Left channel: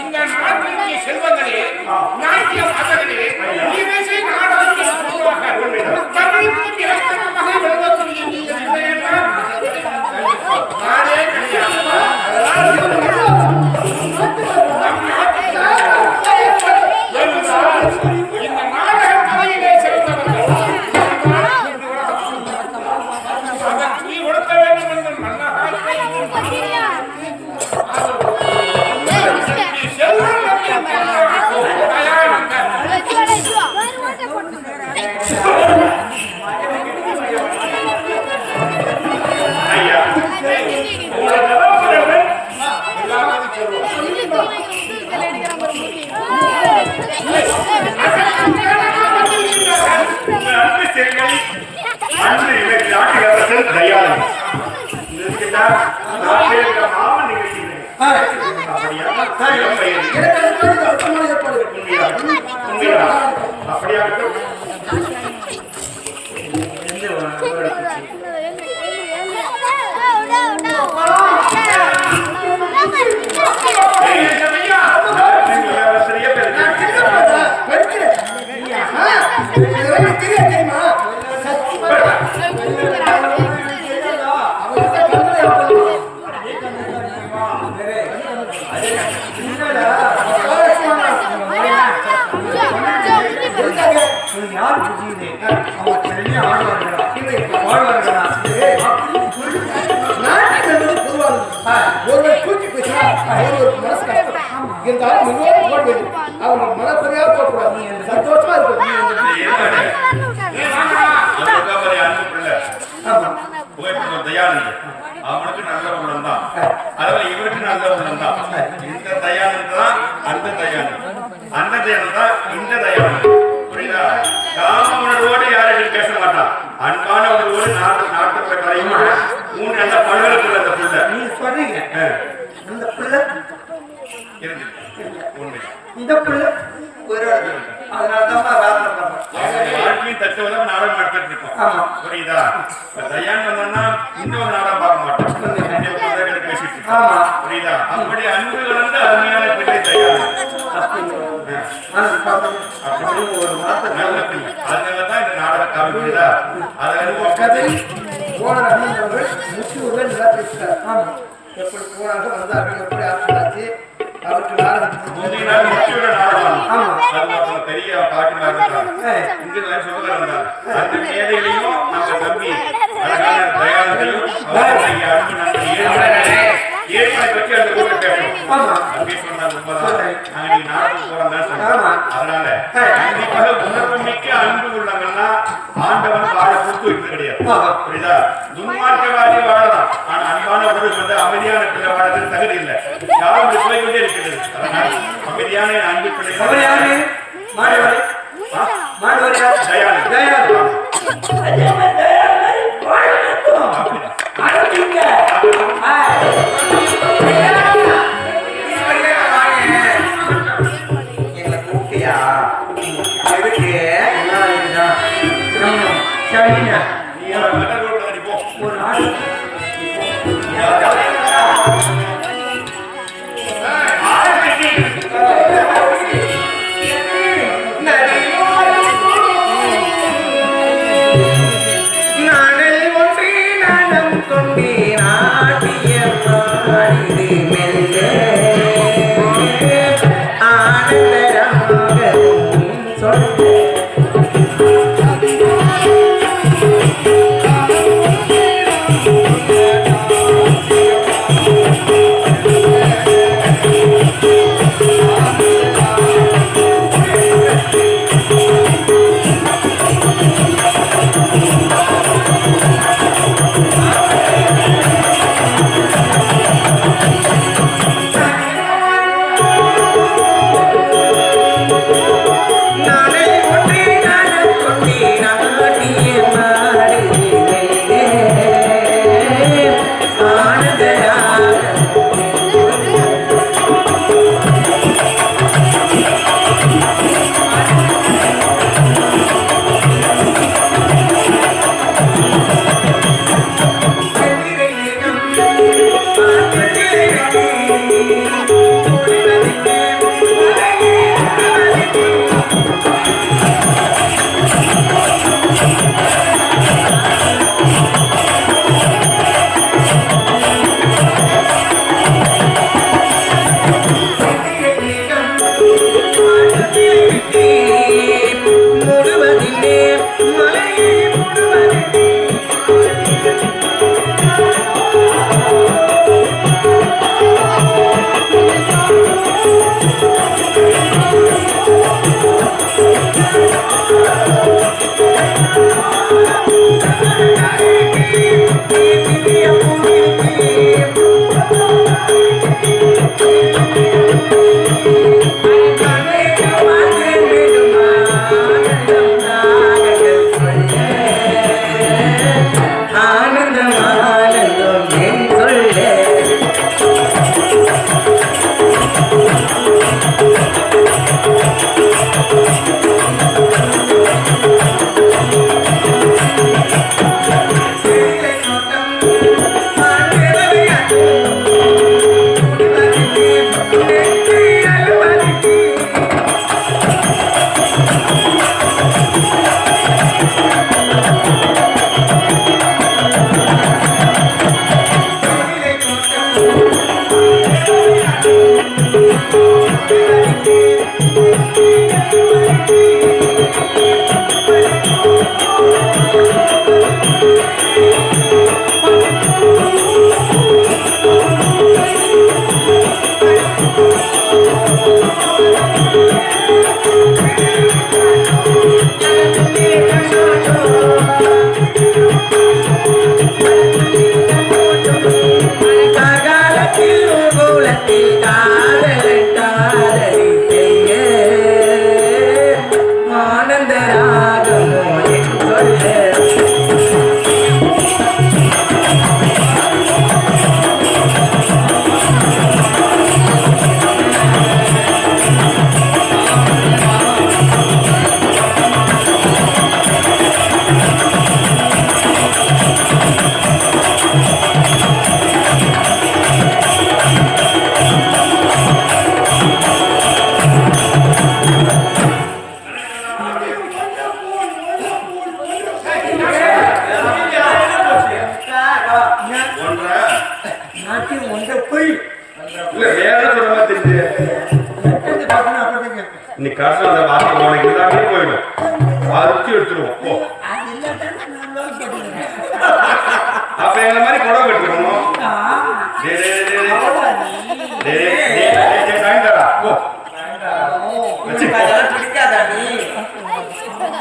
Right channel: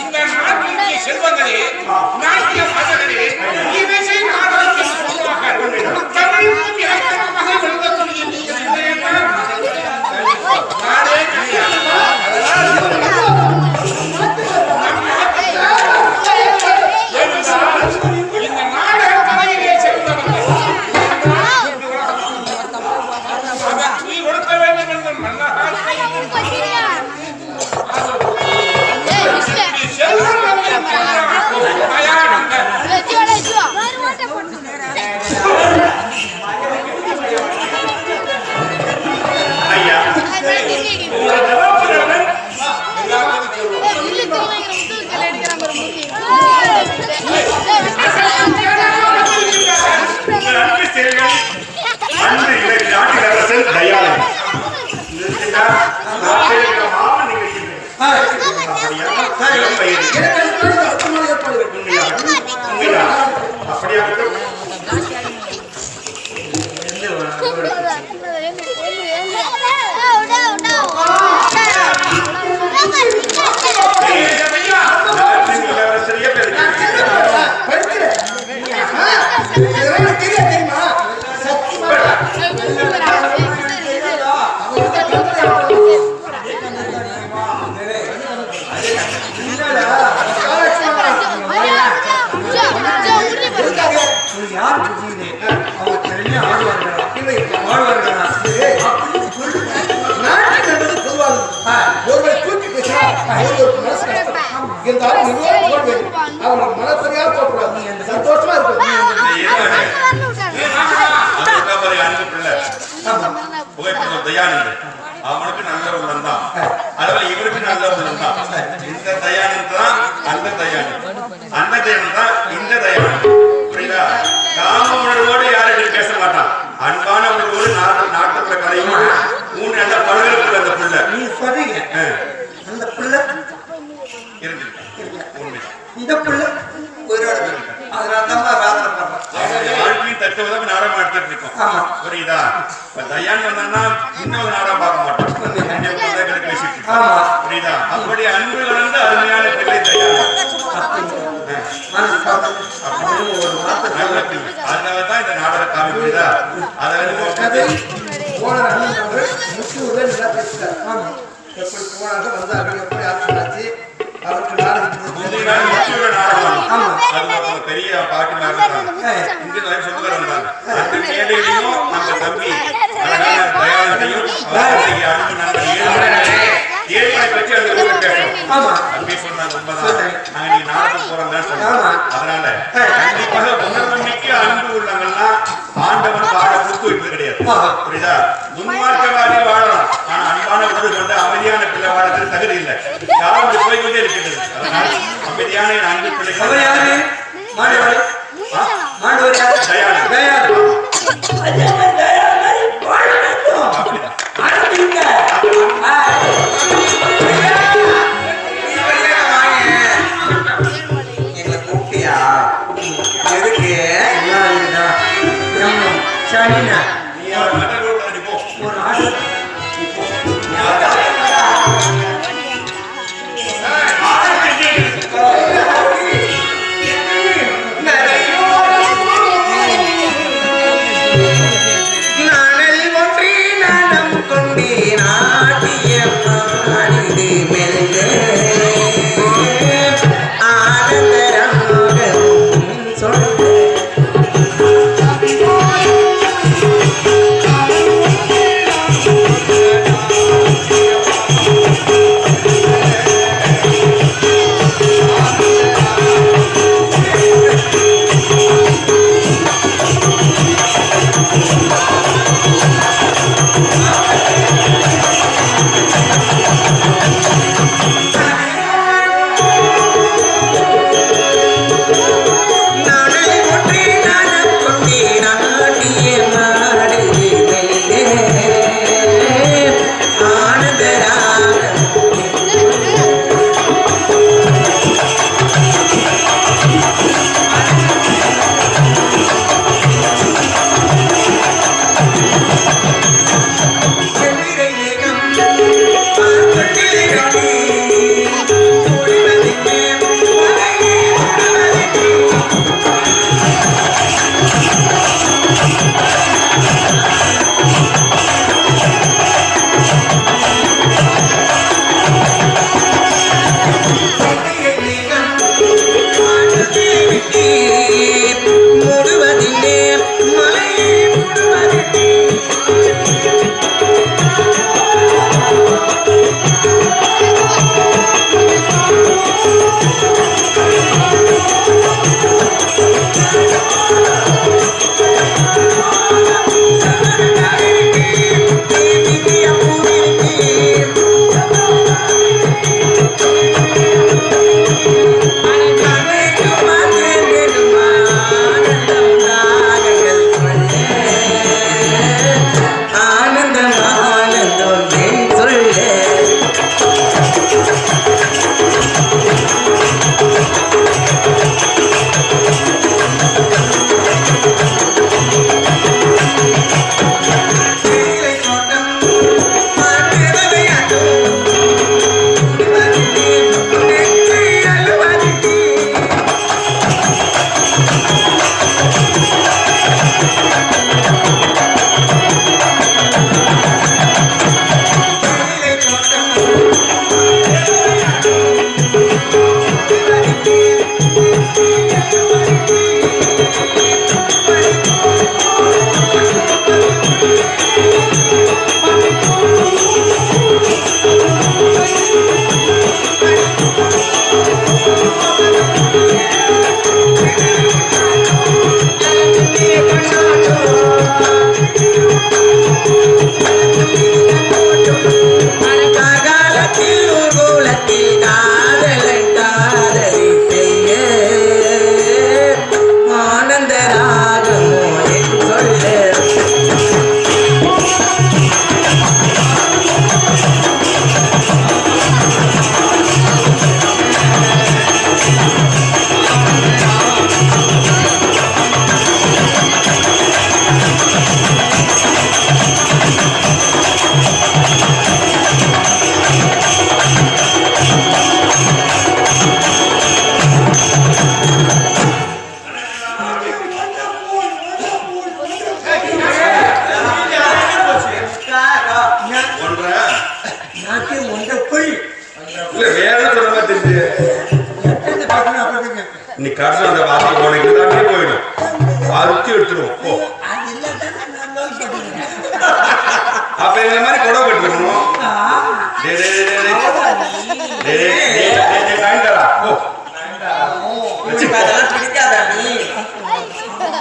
இந்த நாட்டிற்கு செல்வங்களே நாட்டிய மாதங்களே இசை நாடகத்தில் சொல்லுவார்கள் தமிழுக்கும் இலக்கணமாக விளங்கக்கூடிய நீங்கள் இல்லை என்றால் நாடே கிடையாது. இந்த நாடக கலையிலே சேர்ந்தவர்கள் அதற்கு நீ கொடுக்க வேண்டும் என்று மன்னகாத்தை அன்று இலக்கிய நாட்டில் அரசன் தயானன் யார் அவங்க திறமையா ஆடுவார்களா வாழ்வார்களா ஒருவரை தூக்கி பேசினா ஒரு மனசு கஷ்டம் இருந்தாலும் நிர்வாகம் போட வேண்டும். அவர்கள் மனக்குறையா போகக்கூடாது. நீ சந்தோஷமா இருக்கும். புகைப்படம் தயானது அவனுக்கு நல்ல உள்ளம் தான், அதனால இவருக்கு நல்ல உள்ளம் தான். இந்த தயானது தான் அந்த தயானது, அந்த தயானது தான் இந்த தயானது. புரியுதா? காம உணர்வோடு யாரும் பேச மாட்டான். அன்பான உணர்வோடு நாட்டுல கலையும் மூணு நல்ல பழகுக்குள்ள அந்த புள்ள நீ சொல்றீங்க அந்த புள்ள இருக்கு உண்மை. இந்த பிள்ளை உயிரோட இருக்கேன். அதனாலதான் வேதனை பண்றேன். அவங்களுடைய வாழ்க்கையும் தத்துவதாக நாடகம் எடுத்துட்டு இருக்கோம். ஆமா. புரியுதா? இப்ப தயான் வந்தா இன்னொரு நாடகம் பார்க்க மாட்டோம். பேசிட்டு இருக்கோம். ஆமா. புரியுதா? அப்படி அன்பு கலந்த அருமையான பிள்ளை தயான். ஒரு வார்த்தை நல்ல பிள்ளை. அதனாலதான் இந்த நாடக காவி. புரியுதா? அதாவது கதை ஓனர் அண்ணன் முச்சூர்ல நல்லா பேசுறாரு. ஆமா. எப்படி போனாங்க வந்தார்கள், எப்படி ஆட்சி அவருக்கு முந்தைய நாள் முக்கியோட நாடகம். ஆமா. அது மொத்தம் பெரிய பாட்டி இருந்தாங்க. இங்க நிறைய சொந்தக்காரர் இருந்தாங்க. அந்த மேடையிலையும் நம்ம தம்பி அழகான தயானந்தையும் அன்பு நண்பர் ஏழ்மனை பற்றி அந்த ஊர்ல பேசணும். ஆமா. அப்படி சொன்னாங்க. உண்மைதான். நாங்க நீ நாடகம் போறோம்னு சொன்னாங்க. அதனால கண்டிப்பாக உணர்வு மிக்க அன்பு உள்ளவங்கலாம் ஆண்டவன் வாழ கொடுத்து வைப்பது கிடையாது. புரியுதா? துன்மார்க்கவாதி வாழலாம். ஆனா அன்பான உறவு கொண்டு அமைதியான பிள்ளை வாழறதுக்கு தகுதி இல்லை. காலம் போய்கொண்டே இருக்கிறது. அதனால் அமைதியான என் அன்பு பிள்ளைகள் வாசி உனக்கு எல்லாமே போயிடும். பறிச்சு எடுத்துருவோம். போ. அப்ப இந்த மாதிரி குடம் கட்டணும். பிடிக்காதா நீ?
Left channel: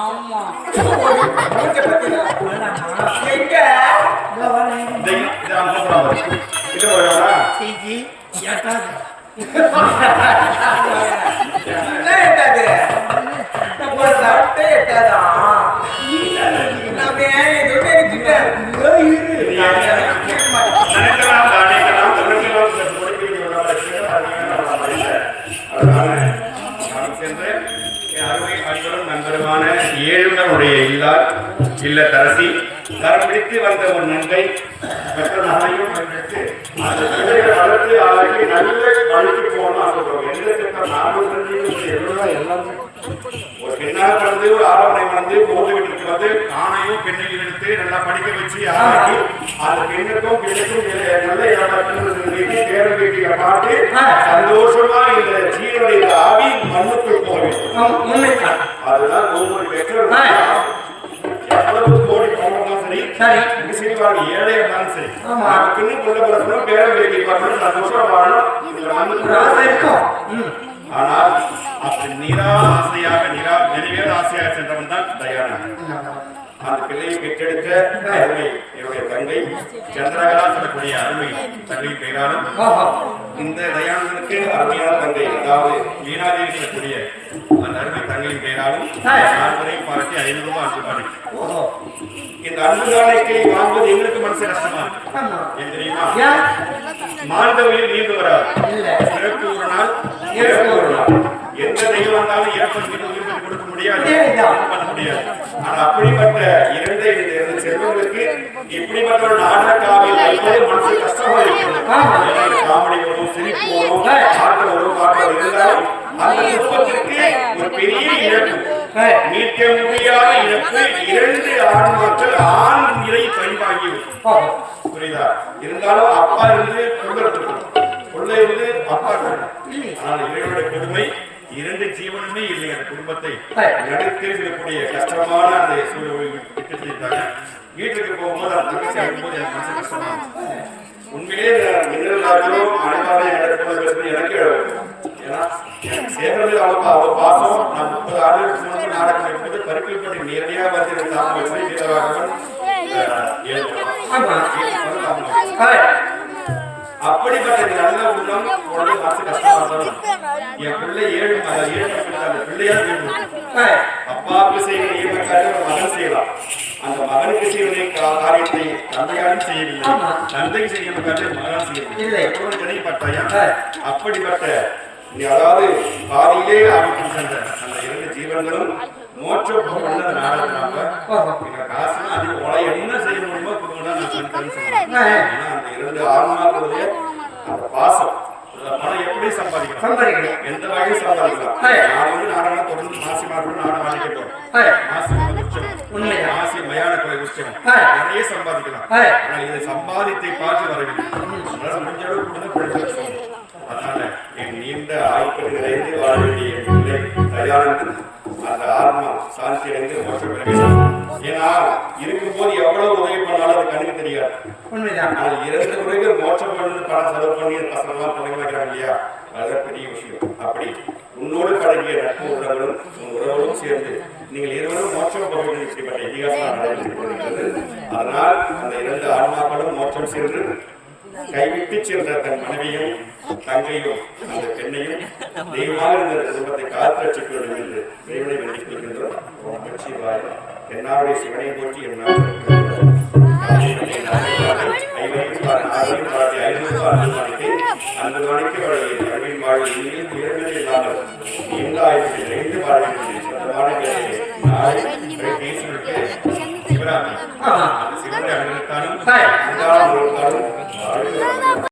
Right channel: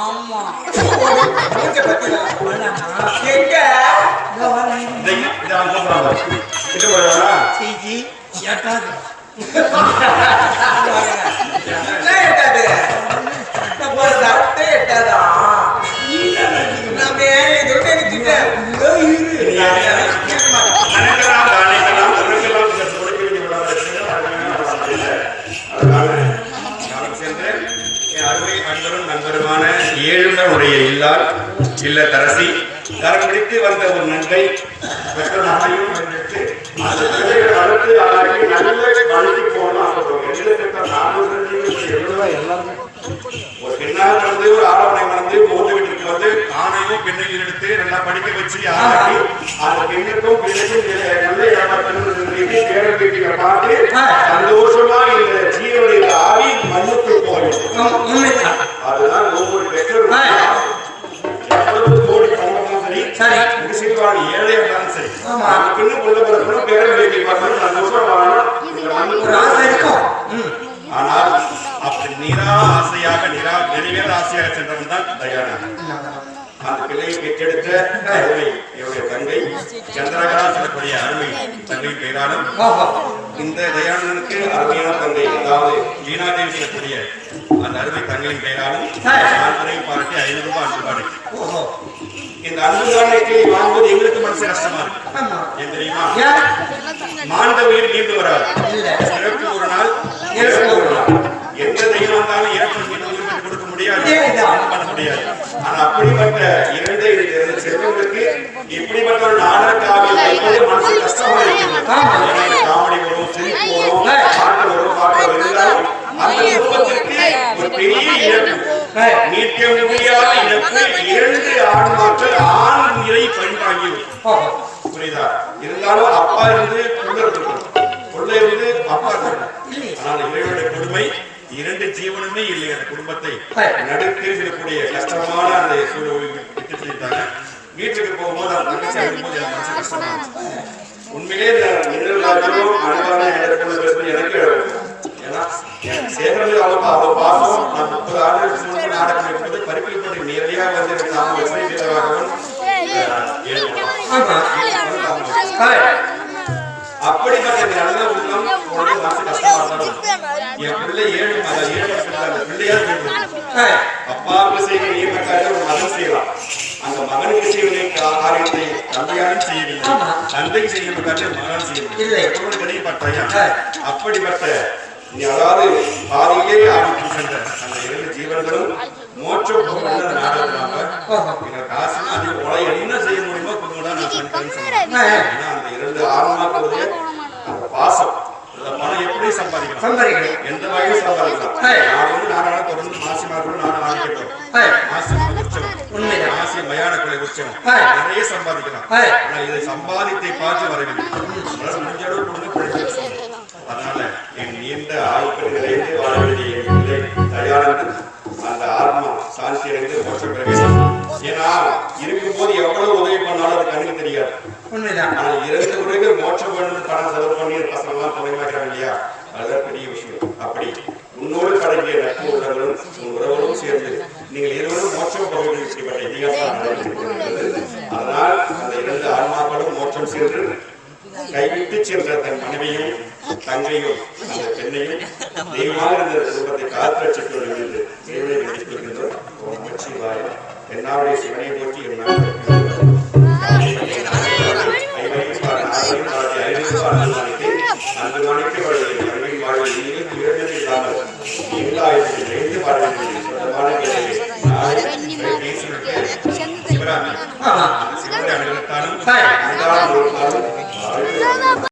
ஆமா நண்பருமான ஏழுங்களுடைய இல்லார் இல்லத்தரசி கரம் பிடித்து வந்த ஒரு நன்மை பெற்ற மகனையும் அடுத்து ஆளுக்கு நல்ல வழிக்கு போகணும். ஒரு பெண்ணாக பிறந்து ஒரு ஆடவனை மணந்து புகுந்து வீட்டுக்கு வந்து ஆணையும் பெண்ணையும் எடுத்து நல்லா படிக்க வச்சு ஆணைக்கு அந்த பெண்ணுக்கும் பெண்ணுக்கும் நல்ல பேரன் வீட்டில பார்த்து சந்தோஷமா இந்த ஜீவனுடைய ஆவி மண்ணுக்குள் போக வேண்டும். அதுதான் ஒவ்வொரு பெற்றோரும் எவ்வளவு கோடி பணம் சரி முடிச்சுட்டு ஏழை இருந்தாலும் சரி பெண்ணு கொள்ள பிறக்கணும் பேரன் வீட்டில் பார்க்கணும் சந்தோஷமா வாழணும். ஆனால் அப்படி ஆசையாக நிறைவேற ஆசையாக சென்றவன் தான் தயானன். அந்த பிள்ளையை பெற்றெடுத்த அருமை என்னுடைய தங்கை சந்திரகலா சொல்லக்கூடிய அருமை தங்கை பெயராலும் இந்த தயானனுக்கு அருமையான தங்கை அதாவது மீனாதேவி சொல்லக்கூடிய அந்த அருமை தங்கையின் பெயராலும் வரையும் பாராட்டி 500 ரூபாய் அன்பு காணி. இந்த அன்பு காணிக்கை வாங்குவது எங்களுக்கு மனசு கஷ்டமா இருக்கு. ஏன் தெரியுமா? மாண்ட உயிர் நீண்டு வராது. இறப்பு ஒரு நாள் எந்த தெய்வம் வந்தாலும் இறப்பை மீண்டும் உயிர் பெற்று கொடுக்க முடியாது, பண்ண முடியாது. ஆனா அப்படிப்பட்ட இரண்டு செல்வங்களுக்கு இப்படிப்பட்ட ஒரு நாடக காவியம் வைப்பது மனசு கஷ்டமா இருக்கிறது. காமெடி வரும், சிரிப்பு வரும், பாட்டு வரும், பாட்டு இருந்தாலும் அந்த குடும்பத்திற்கு ஒரு பெரிய இழப்பு, நீக்க முடியாத இழப்பு. 2 ஆன்மாக்கள் ஆண் உயிரை பழிவாங்கி புரியுதா? இருந்தாலும் அப்பா இருந்து கொள்ள இருந்து அப்பா இருக்கணும். ஆனால் இறைவனுடைய கொடுமை 2 ஜீவனுமே இல்லை. அந்த குடும்பத்தை நடுக்கில் இருக்கக்கூடிய கஷ்டமான அந்த சூழலை விட்டு செஞ்சாங்க. வீட்டுக்கு போகும்போது அந்த தங்கச்சி அழும்போது எனக்கு மனசு கஷ்டமா இருந்துச்சு. உண்மையிலே எனக்கு ஏன்னா சேகரமே அவ்வளவு பாசம். நான் 30 ஆண்டுகளுக்கு முன்பு நாடகம் எடுப்பது பருப்பில்பட்டு நேரடியாக வந்து எனக்கு நாம அப்படிப்பட்ட நல்ல உள்ளம் உடனே மனசு கஷ்டமா இருந்தாலும் என் பிள்ளை 7 அந்த பிள்ளையால் கேட்டு அப்பாவுக்கு செய்கிற நியமக்காக ஒரு மகன் செய்யலாம். அந்த மகனுக்கு செய்வதை காரியத்தை தந்தையாலும் செய்யவில்லை, தந்தைக்கு செய்ய மகன் செய்யவில்லை. கிடைப்பட்டாயா? அப்படிப்பட்ட அதாவது பாதியிலே ஆரம்பிக்கும் சென்ற அந்த 2 ஜீவன்களும் மோட்சம் நாடகத்தினாங்க எங்க காசுனா அது போல என்ன செய்ய முடியுமோ கொடுங்க தான் நான் பண்ணிட்டேன்னு சொன்னேன். ஏன்னா அந்த 2 ஆன்மாக்களுடைய அந்த பாசம் பணம் எப்படி சம்பாதிக்கலாம், எந்த வகையில் சம்பாதிக்கலாம். நான் வந்து நாடகம் தொடர்ந்து மாசி மாதம் நாடு ஆடிக்க போறோம். மாசி உற்சவம், மாசி மயான கொலை உற்சவம் நிறைய சம்பாதிக்கலாம். ஆனால் இதை சம்பாதித்தை பார்த்து வரவில்லை. முடிஞ்ச அளவு கொடுங்க பிடிச்சு சொன்னோம். அதனால என் நீண்ட ஆய்வு நிறைந்து வாழ வேண்டிய தயாரித்து அந்த ஆத்மா சாந்தி அடைந்து மோட்சம் பிரவேசம். ஏன்னா இருக்கும்போது எவ்வளவு உதவி பண்ணாலும் அது கண்ணுக்கு தெரியாது. ஆனால் 2 உரைகள் மோட்சம் பண்ணு பணம் செலவு பண்ணி பசங்க எல்லாம் தொடங்கி வைக்கிறாங்க இல்லையா, அதுதான் பெரிய விஷயம். அப்படி உன்னோடு பழகிய நட்பு உள்ளவர்களும் உன் உறவுகளும் சேர்ந்து நீங்கள் இருவரும் மோட்சம் போகிறது இப்படிப்பட்ட இதிகாசம் நடைபெற்று. அதனால் அந்த 2 ஆன்மாக்களும் மோட்சம் சென்று கைவிட்டு சென்ற தன் மனைவியும் தங்கையும் அந்த பெண்ணையும் தெய்வமாக இருந்த குடும்பத்தை காத்து ரட்சிக்க வேண்டும் என்று இறைவனை வேண்டிக் கொள்கின்றோம். என்னாருடைய சிவனை போற்றி என்னால் அந்த நாளைக்கு அவருடைய கல்வியின் வாழ்வில் இல்லாமல் எல்லாயிரத்தி சொந்தமான பேசிவிட்டு சிவராமி சிவனுடைய அமிர்தத்தாலும்